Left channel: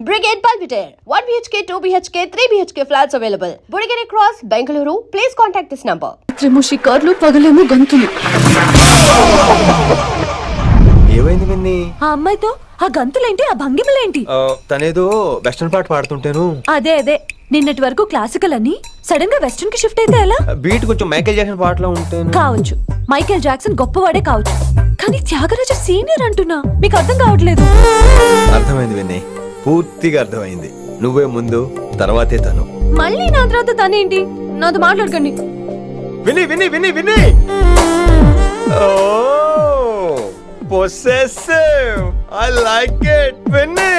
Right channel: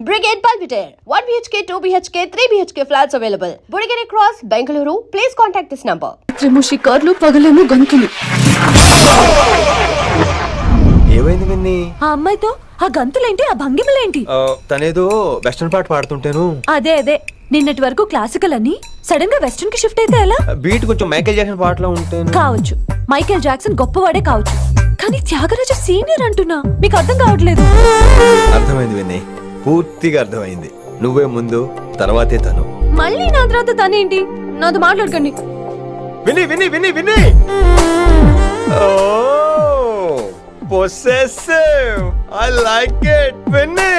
Brigade Palpitaire, 1 BHK, 2 BHK, 3 BHK flats available. Burigere Cross, Bengaluru. Please contact this number. రాత్రేమో షికార్లు, పగలేమో గంతులు. ఏమైంది విన్ని? ఆ అమ్మాయితో ఆ గంతులేంటి, ఆ భంగిమలేంటి? తనేదో వెస్టర్న్ పాట పాడుతుంటేను. అదే నిన్నటి వరకు క్లాసికల్ అని సడన్ గా వెస్టర్న్ కి షిఫ్ట్ అయితే ఎలా? బీట్ కొంచెం మైకేల్ జాక్సన్ పాటలో ఉంటేను. కావచ్చు, మైకేల్ జాక్సన్ గొప్పవాడే కావచ్చు, కానీ త్యాగరాజ సీనియర్ అంటున్నా. మీకు అర్థం కావట్లేదు. అర్థమైంది విన్ని, పూర్తిగా అర్థమైంది. నువ్వే ముందు, తర్వాతే తను. మళ్ళీ నా తర్వాత తనేంటి? నాతో మాట్లాడకండి. విని విని విని విని possessive. I like it. విని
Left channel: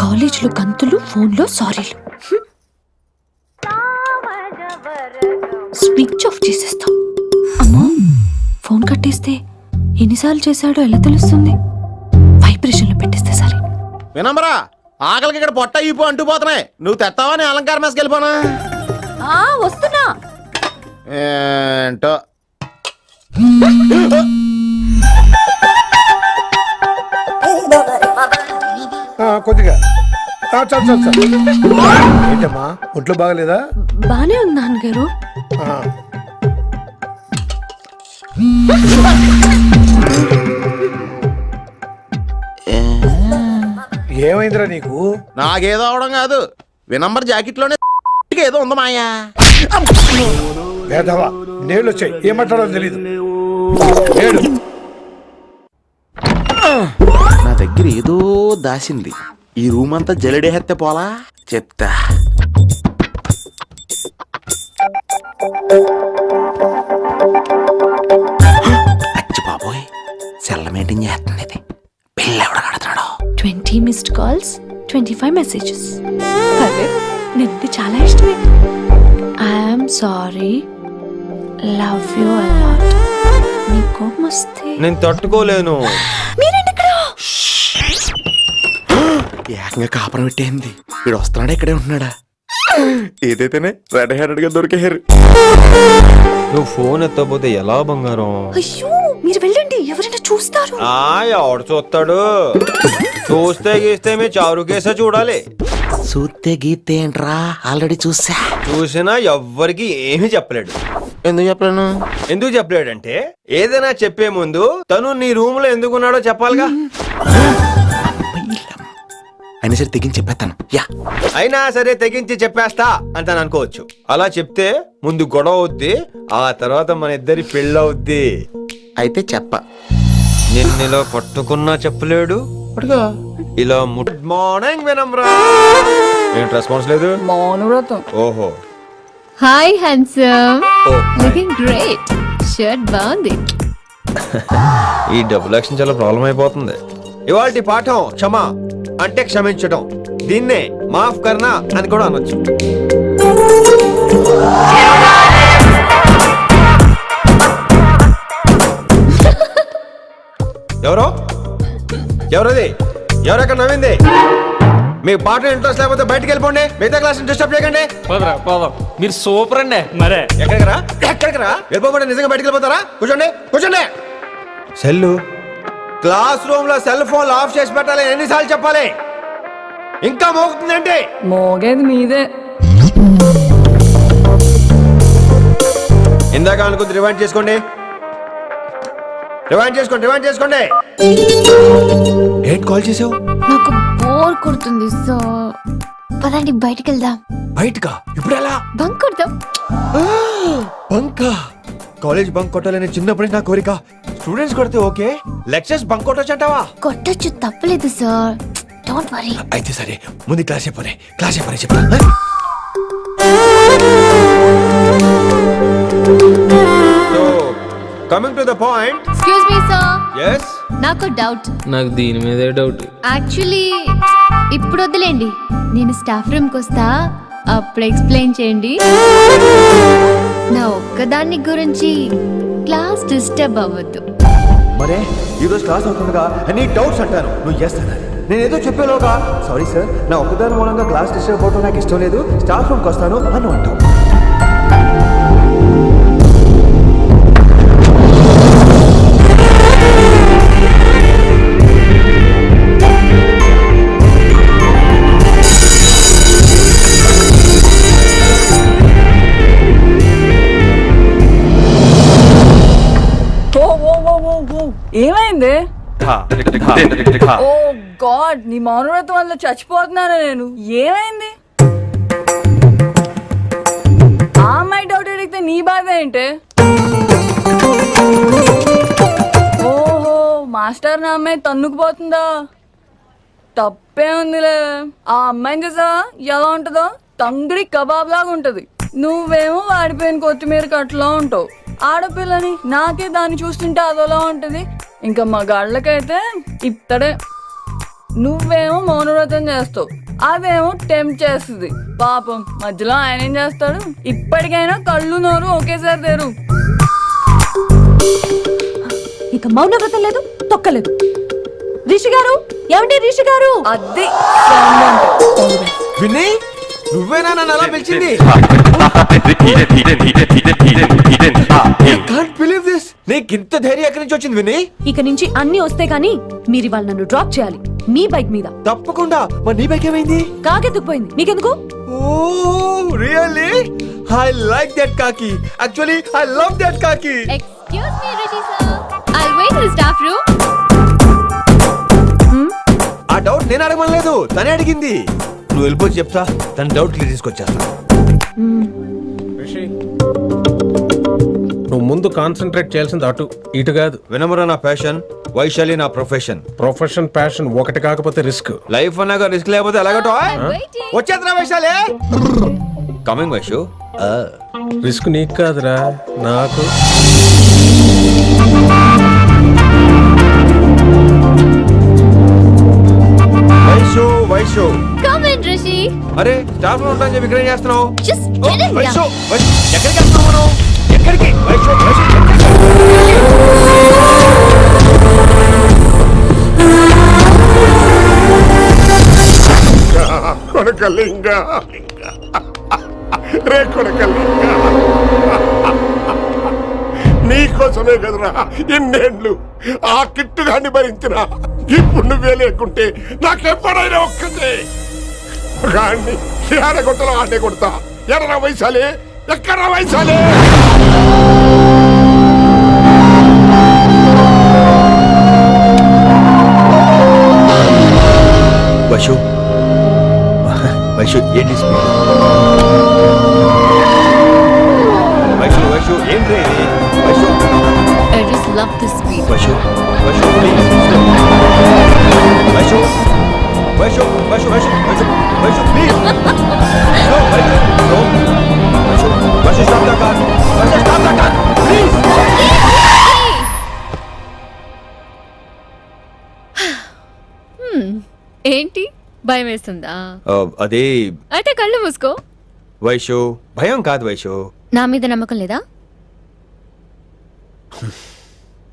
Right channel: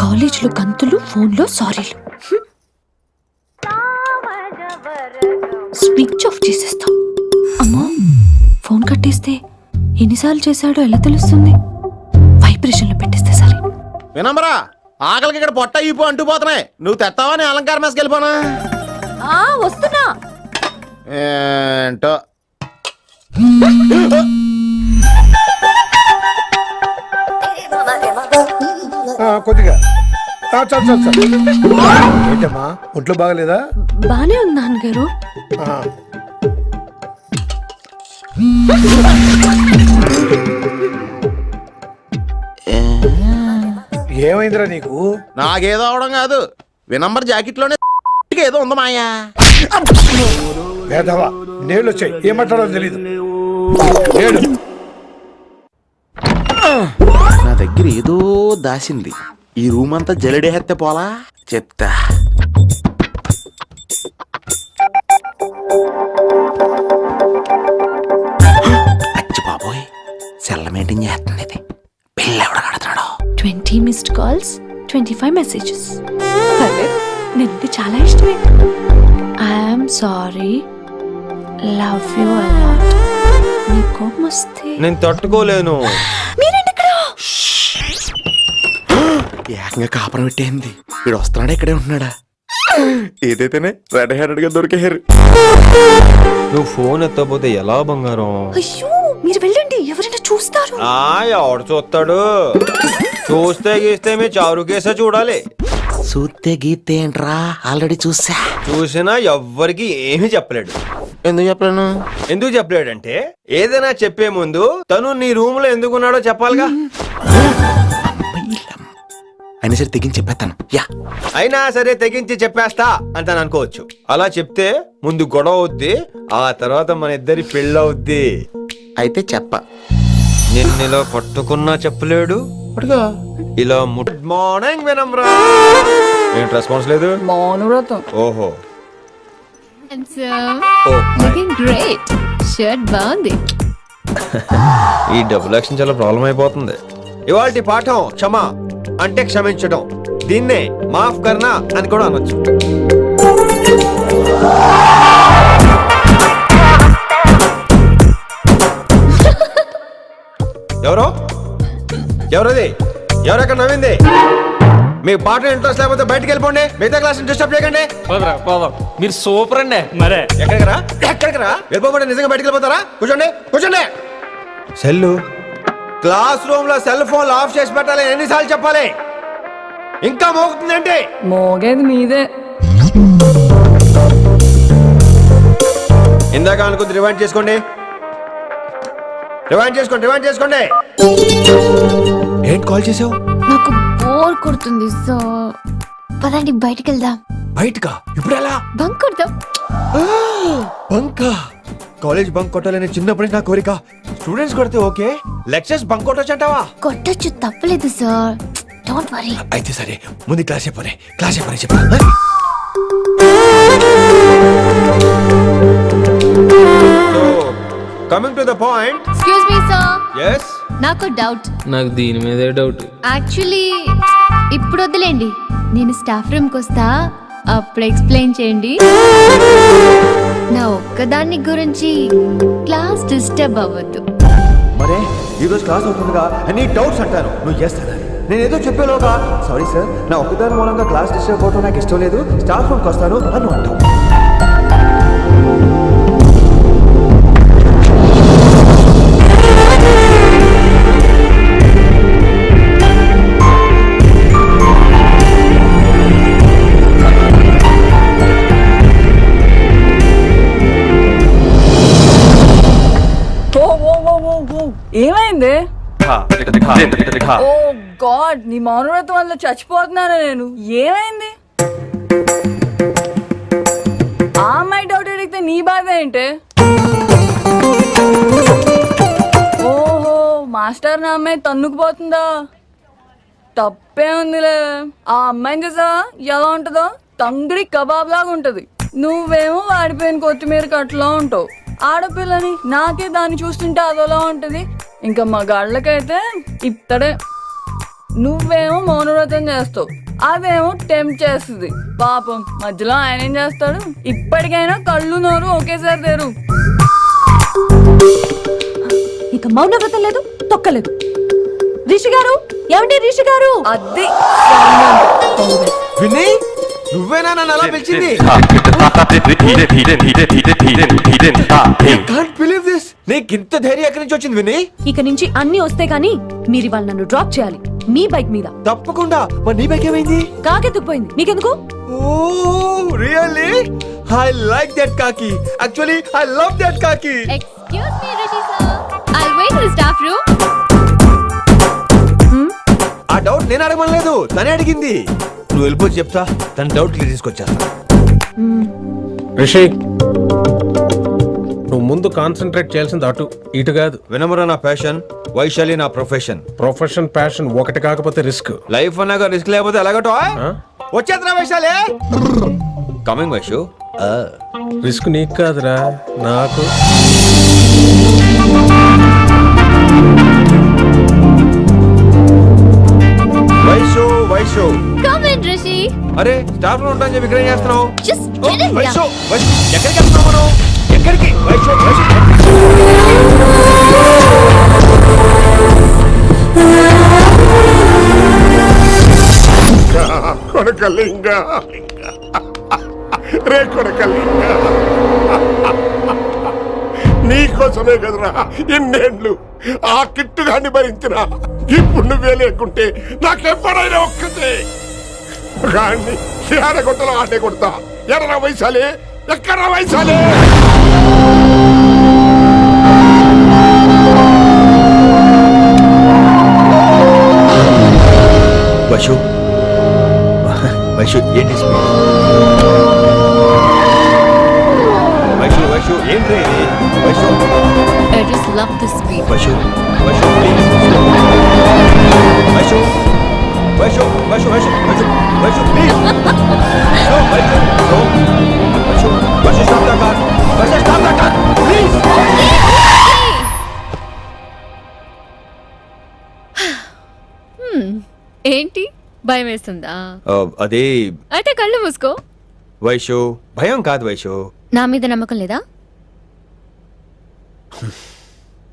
కాలేజ్ లో గంతులు, ఫోన్ లో సారీలు. స్విచ్ ఆఫ్ చేసేస్తా. అమ్మా, ఫోన్ కట్టేస్తే ఎన్నిసార్లు చేశాడో ఎలా తెలుస్తుంది? వైబ్రేషన్ లో పెట్టేస్తే సరే. వినమ్రా, ఆకలికి ఇక్కడ పొట్ట ఈపు అంటూ పోతున్నాయి. నువ్వు తెస్తావా? నేను అలంకార మేస్కి వెళ్ళిపోనా? వస్తున్నా. ఏంటో కొద్దిగా చాలు. ఏంటమ్మా, ఒంట్లో బాగలేదా? బానే ఉంది నాన్నగారు. ఏమైందిరా నీకు? నాకేదో అవడం కాదు, వినంబర్ జాకెట్ లోనే ఏదో ఉంది మాయా. వేదవా, నేళ్ళు వచ్చాయి, ఏం మాట్లాడో తెలీదు. ఏడు నా దగ్గర ఏదో దాసింది. ఈ రూమ్ అంతా జల్లెడేహెత్తే పోలా చెప్తా. అచ్చి బాబోయ్, సెల్ల మెయింటైన్ చేస్తుంది ఇది. పిల్ల ఎవడ కడుతున్నాడు? 20 మిస్డ్ కాల్స్, 25 మెసేజెస్. పర్లేదు, నిన్ను చాలా ఇష్టమే. I'm sorry, love you a lot. నీ కోపం వస్తే నేను తట్టుకోలేను. మీరేంటి ఇక్కడ? ఏకంగా కాపురం పెట్టేంది. వీడు వస్తున్నాడా, ఇక్కడే ఉంటున్నాడా? ఏదైతేనే రెడ్ హ్యాండెడ్ గా దొరికేహారు. నువ్వు ఫోన్ ఎత్తపోతే ఎలా బంగారం? అయ్యో, మీరు వెళ్ళండి, ఎవరైనా చూస్తారు. ఎవడు చూస్తాడు? చూస్తే గీస్తే మీ చారు కేసే చూడాలి. చూస్తే గీతే ఏంట్రా, ఆల్రెడీ చూసినా ఎవ్వరికి ఏమీ చెప్పలేడు. ఎందుకు చెప్పలేను? ఎందుకు చెప్పలేడంటే, ఏదైనా చెప్పే ముందు తను నీ రూమ్ లో ఎందుకున్నాడో చెప్పాలిగా. అయినా సరే తెగించి చెప్పేస్తాను. అయినా సరే తెగించి చెప్పేస్తా అంటాను అనుకోవచ్చు. అలా చెప్తే ముందు గొడవ అవుద్ది, ఆ తర్వాత మన ఇద్దరి పెళ్ళవుద్ది. అయితే చెప్ప. నిన్నిలా పట్టుకున్నా చెప్పలేడు, ఇలా గుడ్ మార్నింగ్ వినమ్రా. ఏంటి రెస్పాన్స్ లేదు? మౌనవ్రతం. ఓహో. Hi handsome, looking great. Shirt బాగుంది. ఈ డబుల్ యాక్షన్ చాలా ప్రాబ్లం అయిపోతుంది. ఇవాల్టి పాఠం క్షమ అంటే క్షమించడం. దీన్నే మాఫ్ కర్నా అని కూడా అనొచ్చు. ఎవరది? ఎవరెక్కడ నవ్వింది? మీకు పాట ఇంట్రెస్ట్ లేకపోతే బయటకు వెళ్ళిపోండి. మిగతా క్లాస్ డిస్టర్బ్ చేయకండి. మీరు సూపర్ అండి. మరే ఎక్కడికి రా వెళ్ళిపోమంటే నిజంగా బయటకు వెళ్ళిపోతారా? కూర్చోండి. సెల్లు క్లాస్ రూమ్ లో సెల్ ఫోన్ ఆఫ్ చేసి పెట్టాలి. ఎన్నిసార్లు చెప్పాలి? ఇంకా మోగుతుందంటే మోగేది మీదే. ఇందాక అనుకుంది రివైండ్ చేసుకోండి. ఏంటి కాల్ చేసావు? నాకు బోర్ కొడుతుంది, సో పదండి బయటికి వెళ్దాం. బయటకా? ఇప్పుడు ఎలా? బంక్ కొడదాం. బంకా? కాలేజ్ బంక్ కొట్టాలని చిన్నప్పటి నా కోరిక. స్టూడెంట్స్ కొడితే ఓకే, లెక్చర్స్ బంక్ కొట్టొచ్చు అంటావా? కొట్టొచ్చు, తప్పలేదు సార్. Don't worry. అయితే సరే, ముందు క్లాస్ చెప్పనే చెప్పా. So coming to the point. Excuse me sir. yes నాకు డౌట్. నాకు దీని మీదే డౌట్. యాక్చువల్లీ ఇప్పుడు వద్దులేండి, నేను స్టాఫ్ రూమ్ కి వస్తా, అప్పుడు ఎక్స్ప్లెయిన్ చేయండి. నా ఒక్కదాన్ని గురించి క్లాస్ డిస్టర్బ్ అవ్వద్దు. మరే ఈరోజు క్లాస్ అవుతుండగా అన్ని డౌట్స్ అంటాను, నువ్వు చేస్తానని. నేను ఏదో చెప్పేలోగా సారీ సార్, నా ఒక్కదాని మూలంగా క్లాస్ డిస్టర్బ్ అవడం నాకు ఇష్టం లేదు, స్టాఫ్ రూమ్కి వస్తాను అని అంటావు. ఓ గాడ్ నీ మౌనవ్రతం వల్ల చచ్చిపోతున్నాను నేను. ఏమైంది? ఆ అమ్మాయి డౌట్ అడిగితే నీ బాధ ఏంటి? ఓహో మాస్టర్ నా అమ్మాయి తన్నుకుపోతుందా? తప్పే ఉందిలే. ఆ అమ్మాయిని చూసావా ఎలా ఉంటుందో? తంగిడి కబాబ్ లాగా ఉంటది. నువ్వేమో వాడిపోయిన కొత్తిమీర కట్టలా ఉంటావు. ఆడపిల్లని నాకే దాన్ని చూస్తుంటే అదోలా ఉంటది. ఇంకా మగాళ్ళకైతే ఇత్తడే. నువ్వేమో మౌనవ్రతం చేస్తావు, అదేమో టెంప్ట్ చేస్తుంది. పాపం మధ్యలో ఆయన ఏం చేస్తాడు? ఇప్పటికైనా కళ్ళు నోరు ఒకేసారి తెరు. ఇక మౌనవ్రతం లేదు, తొక్కలేదు. రిషి గారు, ఏమండి రిషి గారు? అది sound అంటే. విన్నీ నువ్వేనా నన్ను అలా పిలిచింది? Can't believe this. నీకింత ధైర్యం ఎక్కడి నుంచి వచ్చింది విన్నీ? ఇక నుంచి అన్ని వస్తే గానీ మీరు ఇవాళ నన్ను డ్రాప్ చేయాలి మీ బైక్ మీద. తప్పకుండా. మరి నీ బైక్ ఏమైంది? కాకెత్తుకుపోయింది. మీకెందుకు? ఓ రియల్లీ? ఐ లైక్ దట్ కాకి. యాక్చువల్లీ ఐ లవ్ దట్ కాకి. Excuse me, Rishi sir. I'll wait in the staff room. ఆ డౌట్ నేను అడగమనలేదు, తనే అడిగింది. నువ్వు వెళ్ళిపోయి చెప్తా, తన డౌట్ క్లియర్ తీసుకొచ్చేస్తా. రిషి, నువ్వు ముందు కాన్సన్ట్రేట్ చేయాల్సింది అటు ఇటు కాదు. వినమ్ర నా ప్యాషన్, వైశాలి నా ప్రొఫెషన్. ప్రొఫెషన్ ప్యాషన్ ఒకటి కాకపోతే రిస్క్. లైఫ్ అన్నాక రిస్క్ లేకపోతే ఎలాగటో? వచ్చేద్రా వైశాలి. కమింగ్ వైషు. రిస్క్ నీకు కాదురా, నాకు. Vaishu Vaishu. Come in, Rishi. అరే స్టాఫ్ లో ఉంటాను చెప్పి ఇక్కడ ఏం చేస్తున్నావు? Just oh, get in Vaishu here. Vaishu ఎక్కడికి వెళ్తున్నావు మనం? ఎక్కడికి? వైషు వైషు ఎక్కడికి? కొడకలింగ రే కొడకలింగ, నీకోసమే కదరా ఇన్నేళ్ళు ఆ కిట్టుగాన్ని భరించిన. ఇప్పుడు నువ్వే లేకుంటే నాకెప్పుడైనా ఒక్కటే గాన్ని ఆడగొట్టలో ఆడే కొడతా. ఎర్ర వైశాలే, ఎక్కడ వైశాలే? వైషు వైషు ఏంటి స్పీడ్? వైషు వైషు ఏంటి ఇది? Vaishu I just love this speed. Vaishu Vaishu please stop. Vaishu Vaishu Vaishu Vaishu Vaishu Vaishu please slow. Vaishu slow. Vaishu Vaishu stop the car. Vaishu stop the car please. ఏంటి భయం వేస్తుందా? అదే అయితే కళ్ళు మూసుకో. వైషు భయం కాదు వైషు. నా మీద నమ్మకం లేదా?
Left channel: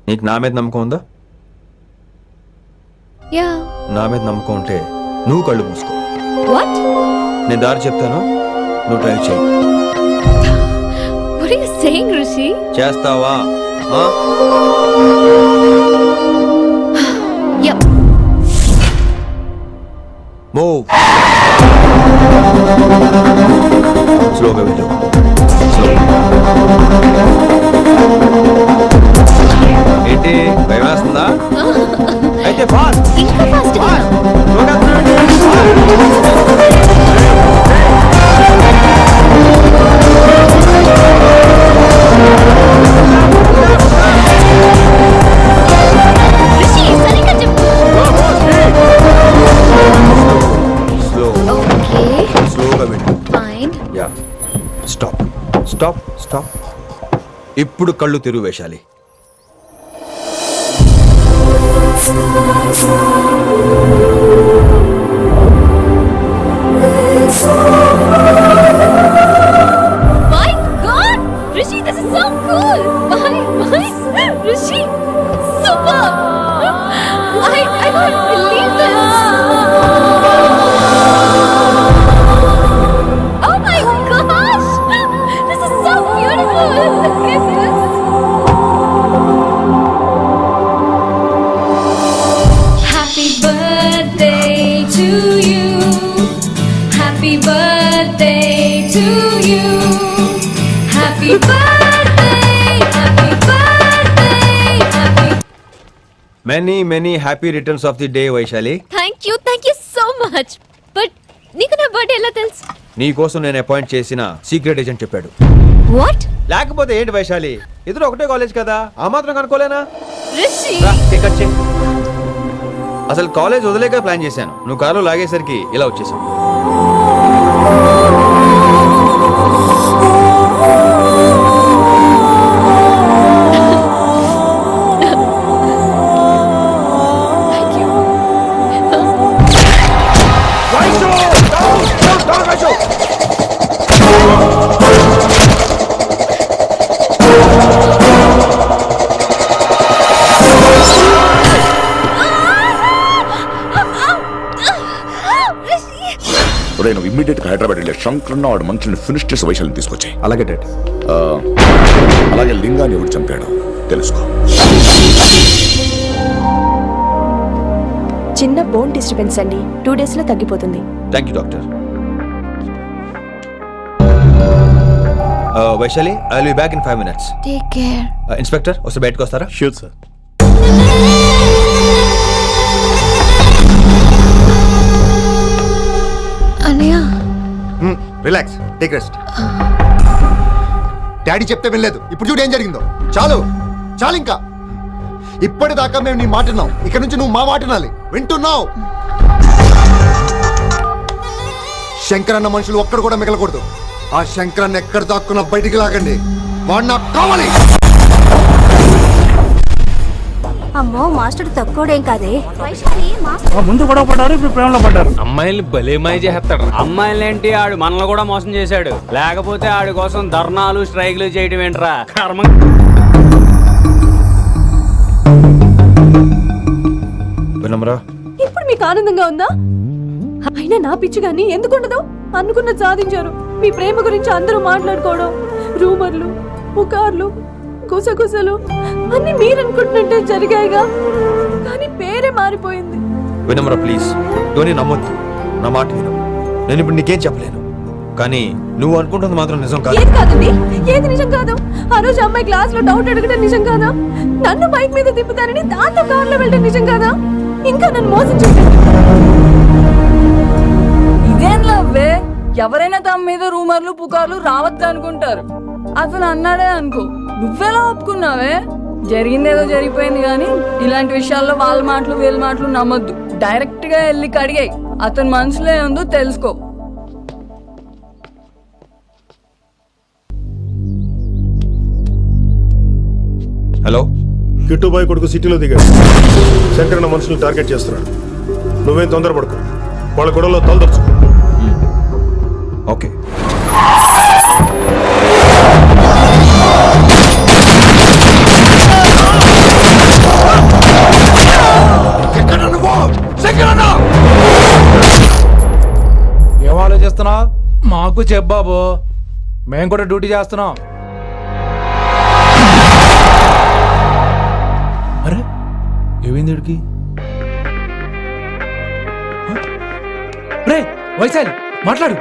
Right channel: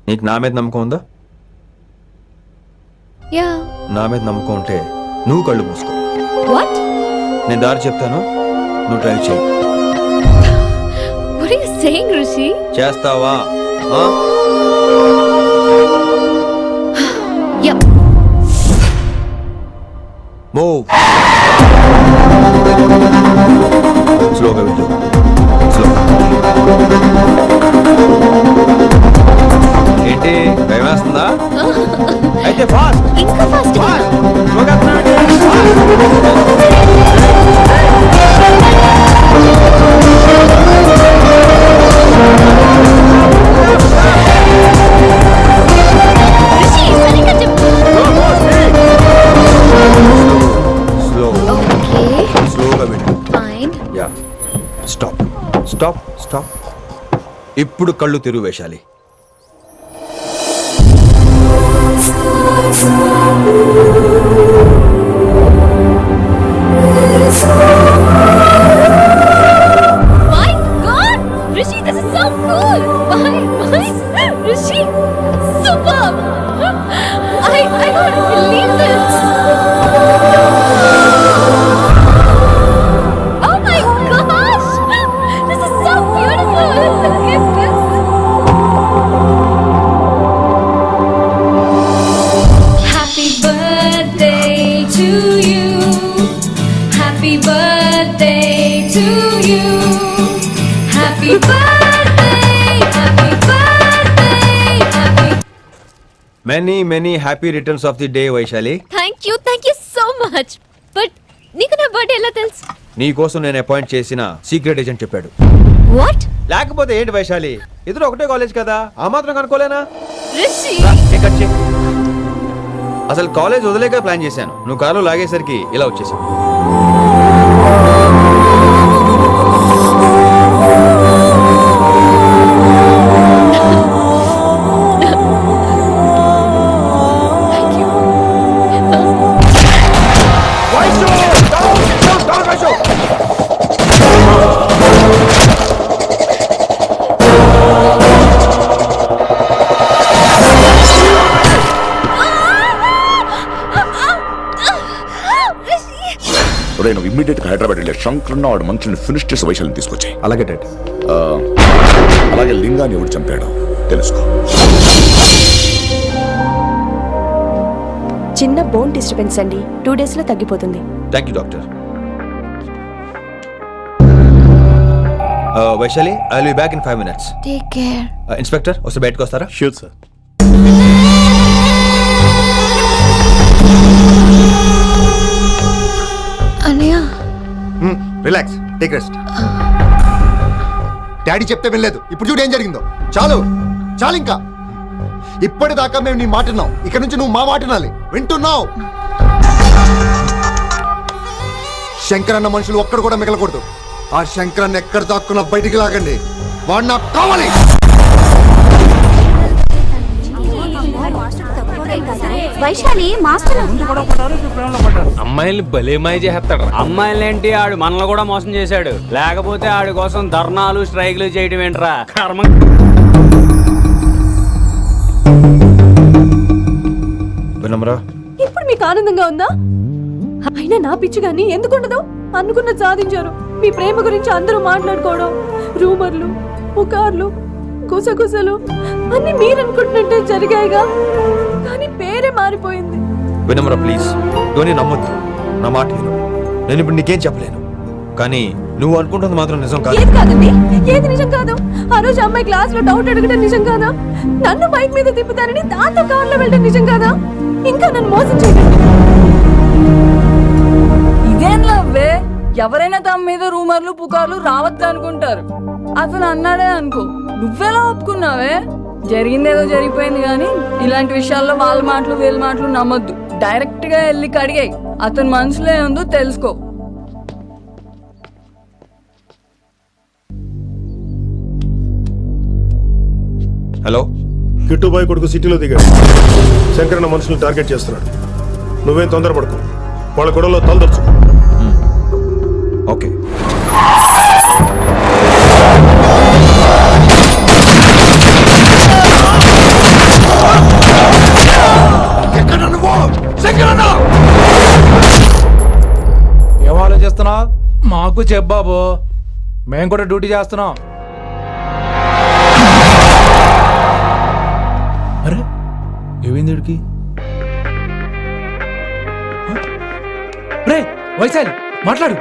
నీకు నా మీద నమ్మకం ఉందా? యా. నా మీద నమ్మకం ఉంటే నువ్వు కళ్ళు మూసుకో. వాట్? నేను దారి చెప్తాను, నువ్వు డ్రైవ్ చేయి. What are you saying, Rishi? చేస్తావా? యా. మూవ్. స్లోగా వెళ్ళు. స్లో. ఏంటి భయం వేస్తుందా? అయితే ఫాస్ట్. ఇంకా ఫాస్ట్ గా. స్లోగా వెళ్ళు. రిషి సరిగ్గా చెప్పు. స్లో. ఓకే. స్లోగా వెళ్ళు. Fine. Yeah. Stop stop stop. ఇప్పుడు కళ్ళు తెరువు వేశాలి. My God! Rishi, this is so cool! My, Rishi, superb! I can't believe this! Oh my gosh! This is so beautiful! Look at this! Many happy returns of the day Vaishali. Thank you so much. But నీకు నా birthday ఎలా తెలుసు? నీ కోసం నేను appoint చేసిన secret agent చెప్పాడు. What? లేకపోతే ఏంటి వైశాలి, ఇద్దరు ఒకటే కాలేజ్ కదా, ఆ మాత్రం కనుక్కోలేనా? రిషి, రా, కేక్ కట్ చేయి. అసలు కాలేజ్ వదిలేక ప్లాన్ చేశాను, నువ్వు కారులో లాగేసరికి ఇలా వచ్చేసావు. Thank you. నువ్వు ఇమ్మీడియట్ గా హైదరాబాద్ వెళ్ళే శంకరన్న వాడు మనుషుల్ని ఫినిష్ చేసి వైశాల్యం తీసుకొచ్చాయి. అలాగే డాడ్. అలాగే లింగాన్ని ఎవడు చంపాడో తెలుసుకో. చిన్న బోన్ డిస్టర్బెన్స్ అండి, 2 days లో తగ్గిపోతుంది. Thank you doctor. Vaishali, I will be back in 5 minutes. Take care. Inspector వస్తే బయటకు వస్తారా? Sure sir. అన్నయ్య, రిలాక్స్, టేక్ రెస్ట్. డాడీ చెప్తే వినలేదు, ఇప్పుడు చూడు ఏం జరిగిందో. చాలు చాలు, ఇంకా ఇప్పటిదాకా మేము నీ మాట విన్నాం, ఇక్కడ నుంచి నువ్వు మా మాట వినాలి. వింటున్నావు? శంకరన్న మనుషులు ఒక్కడు కూడా మిగలకూడదు. ఆ శంకరన్న ఎక్కడ దాక్కున్నా బయటికి లాగండి, వాడు నాకు కావాలి. అమ్మో, మాస్టర్ తక్కువడేం కాదే. వైశాలి మాస్టర్ ముందు గొడవ పడ్డారు, ఇప్పుడు ప్రేమలో పడ్డారు. అమ్మాయిల్ని భలే మాయ చేస్తాడు. అమ్మాయిలేంటి, ఆడు మనల్ని కూడా మోసం చేశాడు. లేకపోతే ఆడి కోసం ధర్నాలు స్ట్రైక్లు చేయడం ఏంట్రా కర్మ. వినమ్రా, ఇప్పుడు మీకు ఆనందంగా ఉందా? అయినా నా పిచ్చి గాని ఎందుకుండదు? అనుకున్నది సాధించారు. మీ ప్రేమ గురించి అందరూ మాట్లాడుకోవడం, రూమర్లు, పుకార్లు, గుసగుసలు అన్ని మీరు అనుకుంటున్నట్టే జరిగాయిగా, కానీ పేరే మారిపోయింది. వినమ్రా ప్లీజ్, ధోని నమ్మొద్దు, నా మాట విను. నేను ఇప్పుడు నీకేం చెప్పలేను, కానీ నువ్వు అనుకుంటుంది మాత్రం నిజం కాదు. ఏది కాదండి, ఏది నిజం కాదు? ఆ రోజు అమ్మాయి క్లాస్ లో డౌట్ అడగడం నిజం కాదా? నన్ను బైక్ మీద తిప్పుతానని దాంతో కార్లో వెళ్ళడం నిజం కాదా? ఇంకా నన్ను మోసం చేయకండి. ఇదేం లవ్వే? ఎవరైనా తమ మీద రూమర్లు పుకార్లు రావద్దు అనుకుంటారు. అతను అన్నాడే అనుకో, నువ్వెలా ఒప్పుకున్నావే? జరిగిందేదో జరిగిపోయింది, కానీ ఇలాంటి విషయాల్లో వాళ్ళ మాటలు వీళ్ళ మాటలు నమ్మొద్దు. డైరెక్ట్ గా వెళ్ళి కడిగాయి, అతని మనసులో ఏముందో తెలుసుకో. హలో, కిట్టుబాయ్ కొడుకు సిటీలో దిగాడు. శంకరన్న మనుషుల్ని టార్గెట్ చేస్తున్నాడు. నువ్వేం తొందరపడుకో, వాళ్ళ గొడవలో తలదర్చుకో. ఓకే. ఏం ఆలోచిస్తున్నావు? మాకు చెప్పాబు, మేము కూడా డ్యూటీ చేస్తున్నాం. అరే ఏమైంది వీడికి? రే వైశాలి, మాట్లాడు.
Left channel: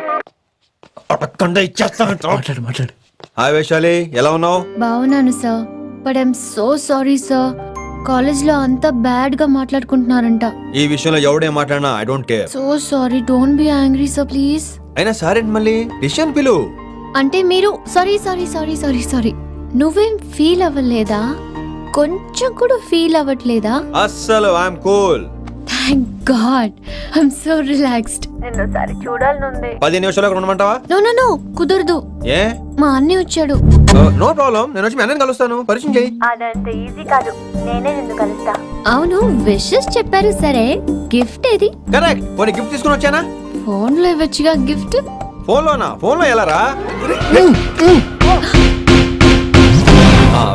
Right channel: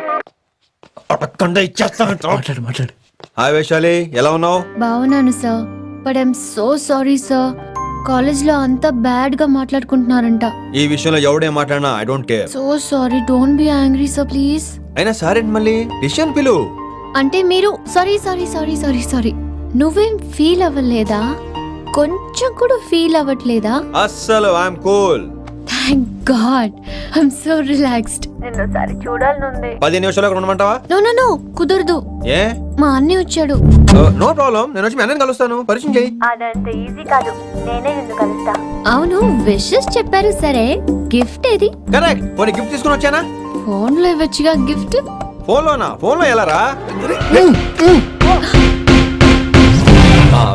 మాట్లాడు మాట్లాడు. హాయ్ వైశాలి, ఎలా ఉన్నావు? బాగున్నాను sir, but I'm so sorry sir. కాలేజ్లో అంతా బ్యాడ్ గా మాట్లాడుకుంటున్నారంట. ఈ విషయంలో ఎవడేం మాట్లాడినా I don't care. So sorry, don't be angry sir please. అయినా సరే, మళ్ళీ డిసిషన్ పిలు. అంటే మీరు sorry sorry sorry sorry sorry నువ్వేం ఫీల్ అవ్వలేదా? కొంచెం కూడా ఫీల్ అవ్వట్లేదా? అస్సలు I'm cool. Thank God, I'm so relaxed. 10 నిమిషాలు అక్కడ ఉండమంటావా? నో నో నో, కుదరదు. ఏ? మా అన్నయ్య వచ్చాడు. నో ప్రాబ్లం, నేను వచ్చి మీ అన్నని కలుస్తాను, పరిచయం చేయి. అవును, విషెస్ చెప్పారు సరే, గిఫ్ట్ ఏది? కరెక్ట్, పోనీ గిఫ్ట్ తీసుకుని వచ్చానా? ఫోన్ లో ఇవ్వచ్చుగా గిఫ్ట్. ఫోన్లోనా? ఫోన్లో ఎలా రా?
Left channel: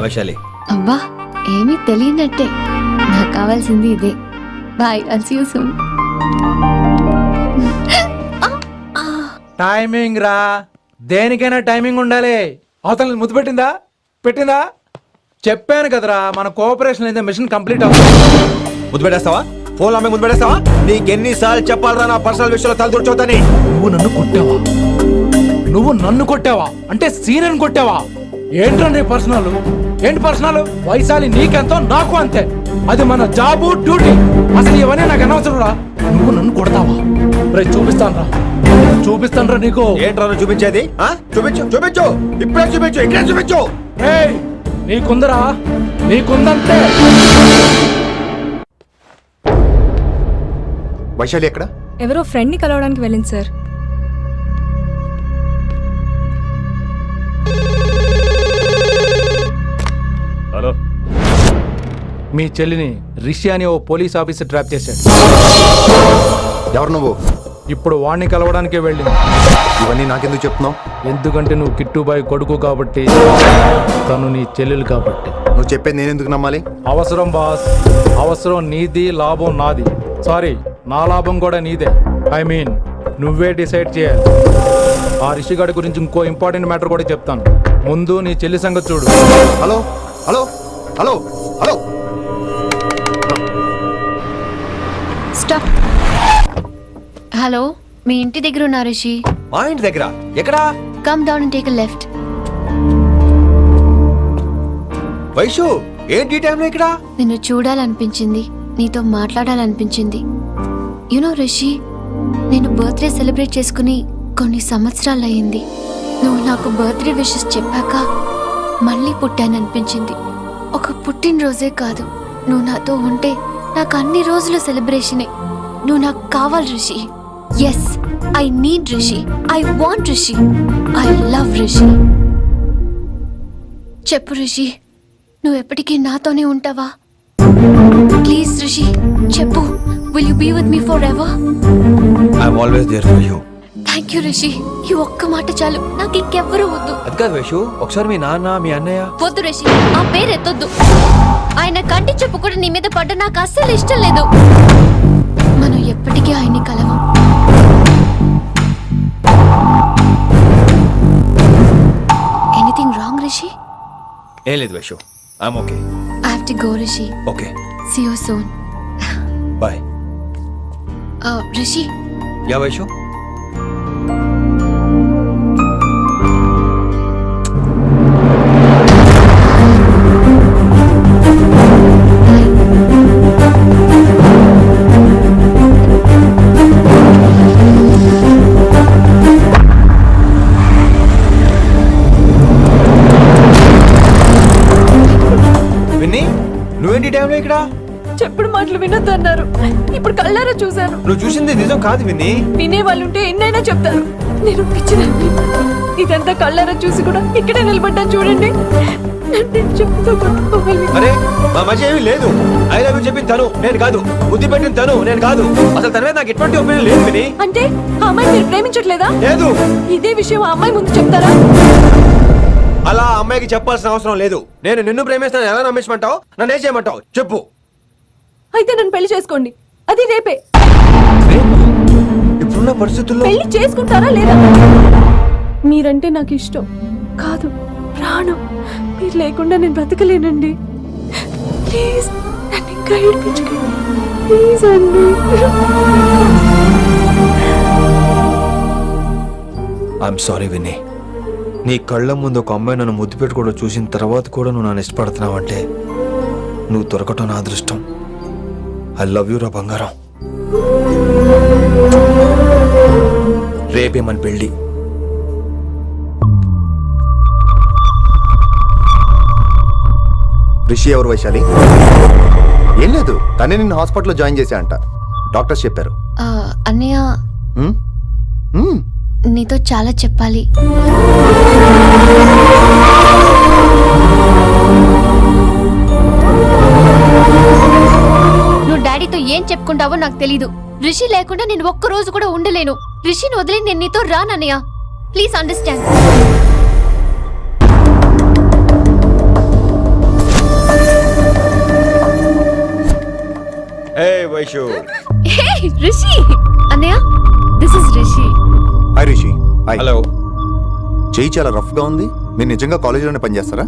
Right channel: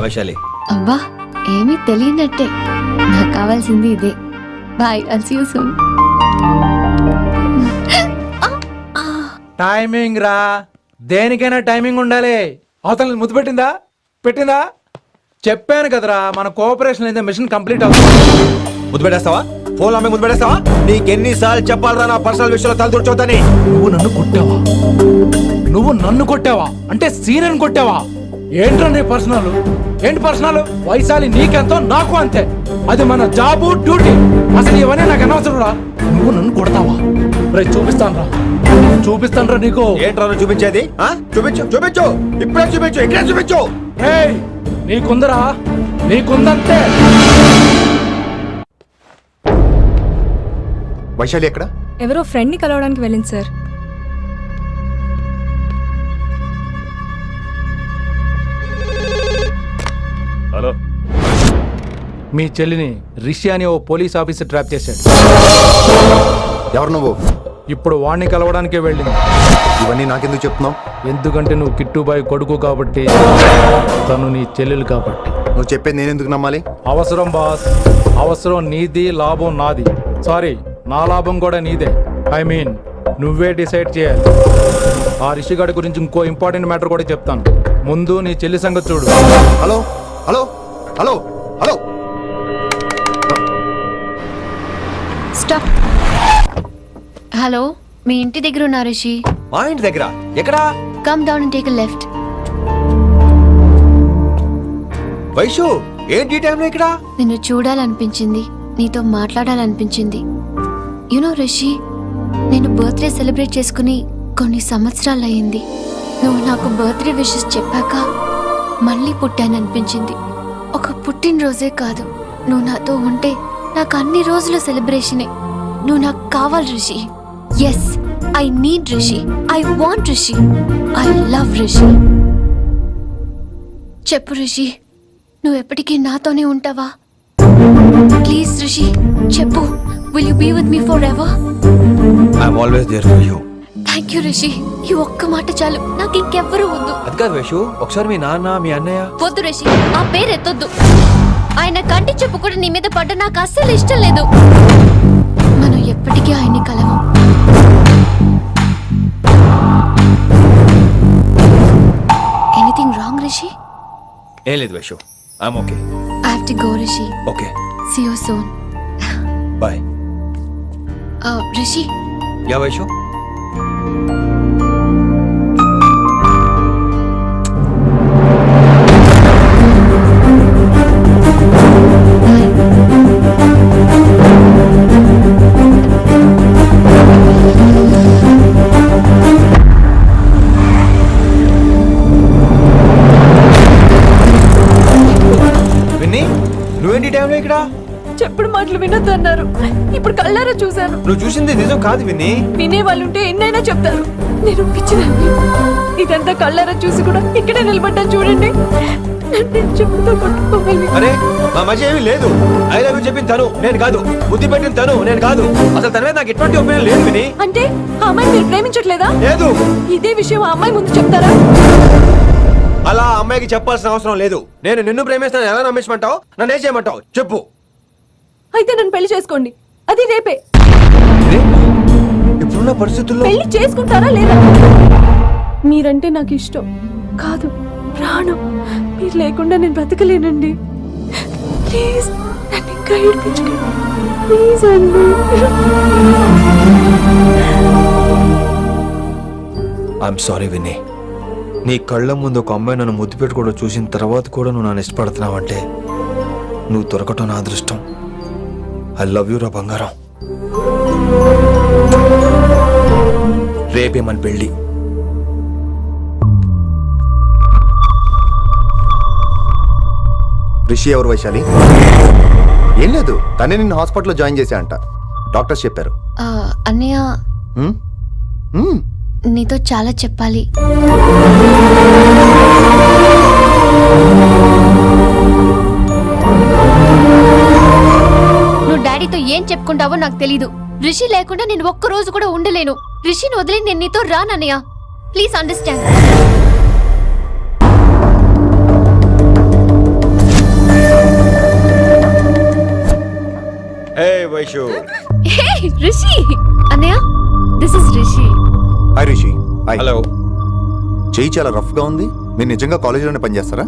వైశాలి, అబ్బా, ఏమీ తెలియనట్టే. నాకు కావాల్సింది ఇదే. Bye, I'll see you soon. Timing రా, దేనికైనా టైమింగ్ ఉండాలి. అవతల ముద్దు పెట్టిందా? పెట్టిందా? చెప్పాను కదరా, మన కోఆపరేషన్ అయితే మిషన్ కంప్లీట్ అవుతుంది. ముద్దు పెట్టేస్తావా? ఫోన్లో అమ్మాయి ముద్దు పెట్టేస్తావా? నీకెన్నిసార్లు చెప్పాలరా నా పర్సనల్ విషయంలో తల దూర్చవుతాని? నువ్వు నన్ను కొట్టావా? నువ్వు నన్ను కొట్టావా? అంటే సీనియర్ని కొట్టావా? ఏంట్రా నీ పర్సనల్? ఏంటి పర్సనల్? వైశాలి నీకెంతో నాకు అంతే. అది మన జాబు డ్యూటీ. అసలు ఇవన్నీ నాకు అనవసరం రా. నువ్వు నన్ను కొడతావా? రే చూపిస్తాను రా నీకు. ఏంట్రా నువ్వు చూపించేది? చూపించు చూపించు, ఇప్పుడే చూపించు, ఇక్కడే చూపించు. ఏయ్, నీకుందరా, నీకుందంతే. వైశాలి ఎక్కడ? ఎవరో ఫ్రెండ్ ని కలవడానికి వెళ్ళింది సార్. హలో, మీ చెల్లిని రిషి అని ఓ పోలీస్ ఆఫీసర్ ట్రాప్ చేశాడు. ఎవరు నువ్వు? ఇప్పుడు వాణ్ణి కలవడానికే వెళ్ళింది. ఇవన్నీ నాకెందుకు చెప్తున్నావు? ఎందుకంటే నువ్వు కిట్టుబాయ్ కొడుకు కాబట్టి, తను నీ చెల్లెలు కాబట్టి. నువ్వు చెప్పేది నేను ఎందుకు నమ్మాలి? అవసరం బాస్, అవసరం నీది, లాభం నాది. సారీ, నా లాభం కూడా నీదే. ఐ మీన్ నువ్వే డిసైడ్ చేయాలి. ఆ రిషిగాడి గురించి ఇంకో ఇంపార్టెంట్ మ్యాటర్ కూడా చెప్తాను. ముందు నీ చెల్లి సంగతి చూడు. Hello hello hello hello, stop. Hello, మీ ఇంటి దగ్గర ఉన్నా రిషి? మా ఇంటి దగ్గర ఎక్కడా? Come down and take left. Vaishu, ఏంటి టైంలో ఇక్కడ? నిన్ను చూడాలనిపించింది, నీతో మాట్లాడాలనిపించింది. యునో రిషి, నేను బర్త్డే సెలబ్రేట్ చేసుకుని కొన్ని సంవత్సరాలయ్యింది. నువ్వు నాకు బర్త్డే విషెస్ చెప్పాక మళ్ళీ పుట్టాననిపించింది. ఒక పుట్టినరోజే కాదు, నువ్వు నాతో ఉంటే నాకు అన్ని రోజుల సెలబ్రేషనే. నువ్వు నాకు కావాలి Rishi. Yes, I need Rishi, I want Rishi, I love Rishi. చెప్పు రిషి, నువ్వు ఎప్పటికీ నాతోనే ఉంటావా? ప్లీజ్ రిషి చెప్పు. Will you be with me forever? I'm always there for you. Thank you Rishi. ఈ ఒక్క మాట చాలు, నాకు ఇంకెవ్వరూ వద్దు. అది కాదు వైషు, ఒకసారి మీ నాన్న, మీ అన్నయ్య. వద్దు రిషి, ఆ పేరు ఎత్తొద్దు. ఆయన కంటి చెప్పు కూడా నీ మీద పడ్డ నాకు అస్సలు ఇష్టం లేదు. మనం ఎప్పటికీ ఆయన్ని కలవం. Anything wrong Rishi? ఏం లేదు Vaishu, I'm okay. I have to go Rishi. Okay, see you soon. Bye. Rishi, yeah Vaishu. Bye. Vinni, నువ్వేంటి టైంలో ఇక్కడ? చెప్పుడు మాటలు వినొద్దు అన్నారు, ఇప్పుడు కళ్ళారా చూశాను. నువ్వు చూసింది నిజం కాదు విన్నీ. వినే వాళ్ళుంటే ఎన్నైనా చెప్తారు. నేను పిచ్చిదాన్ని. ఇదంతా కళ్ళారా చూసి కూడా ఇక్కడే నిలబడ్డాను చూడండి. నన్ను చెప్పుతో కొట్టుకోవాలి. అరే, మా మధ్య ఏమీ లేదు. ఐ లవ్ యూ చెప్పింది తను, నేను కాదు. బుద్ధి పెట్టిన తను, నేను కాదు. అసలు తన మీద నాకు ఎటువంటి ఒపీనియన్ లేదు విని. అంటే ఆ అమ్మాయి మీరు ప్రేమించట్లేదా? లేదు. ఇదే విషయం ఆ అమ్మాయి ముందు చెప్తారా? అలా ఆ అమ్మాయికి చెప్పాల్సిన అవసరం లేదు. నేను నిన్ను ప్రేమిస్తాను, ఎలా నమ్మించమంటావు? నన్ను ఏం చేయమంటావు చెప్పు. అయితే నన్ను పెళ్లి చేసుకోండి, అది రేపే. ఇప్పుడున్న పరిస్థితుల్లో పెళ్లి చేసుకుంటారా లేదా? మీరంటే నాకు ఇష్టం కాదు, ప్రాణం. మీరు లేకుండా నేను బ్రతకలేనండి. ప్లీజ్ నన్ను ఇంకా ఏడిపించకండి. ప్లీజ్ అండి. I'm sorry Vinni. నీ కళ్ళ ముందు ఒక అమ్మాయి నన్ను ముద్దు పెట్టుకోవడం చూసిన తర్వాత కూడా నువ్వు నన్ను ఇష్టపడుతున్నావంటే నువ్వు దొరకటం నా అదృష్టం. ఐ లవ్ యూ రా బంగారం. రేపే మన పెళ్ళి. రిషి ఎవరు వైశాలి? ఏం లేదు, తనే నిన్ను హాస్పిటల్లో జాయిన్ చేశా అంట, డాక్టర్స్ చెప్పారు. అన్నయ్య, హ్మ్? హ్మ్. నీతో చాలా చెప్పాలి. నువ్వు డాడీతో ఏం చెప్పుకుంటావో నాకు తెలీదు. రిషి లేకుండా నేను ఒక్క రోజు కూడా ఉండలేను. రిషిని వదిలి నేను నీతో రానన్నయ్య. Please understand. Hey Vaishu. Hey Rishi. అన్నయ్య, this is Rishi. Hi Rishi. Hi. Hello. చెయ్యి చాలా రఫ్ గా ఉంది. మీరు నిజంగా కాలేజీలోనే పనిచేస్తారా?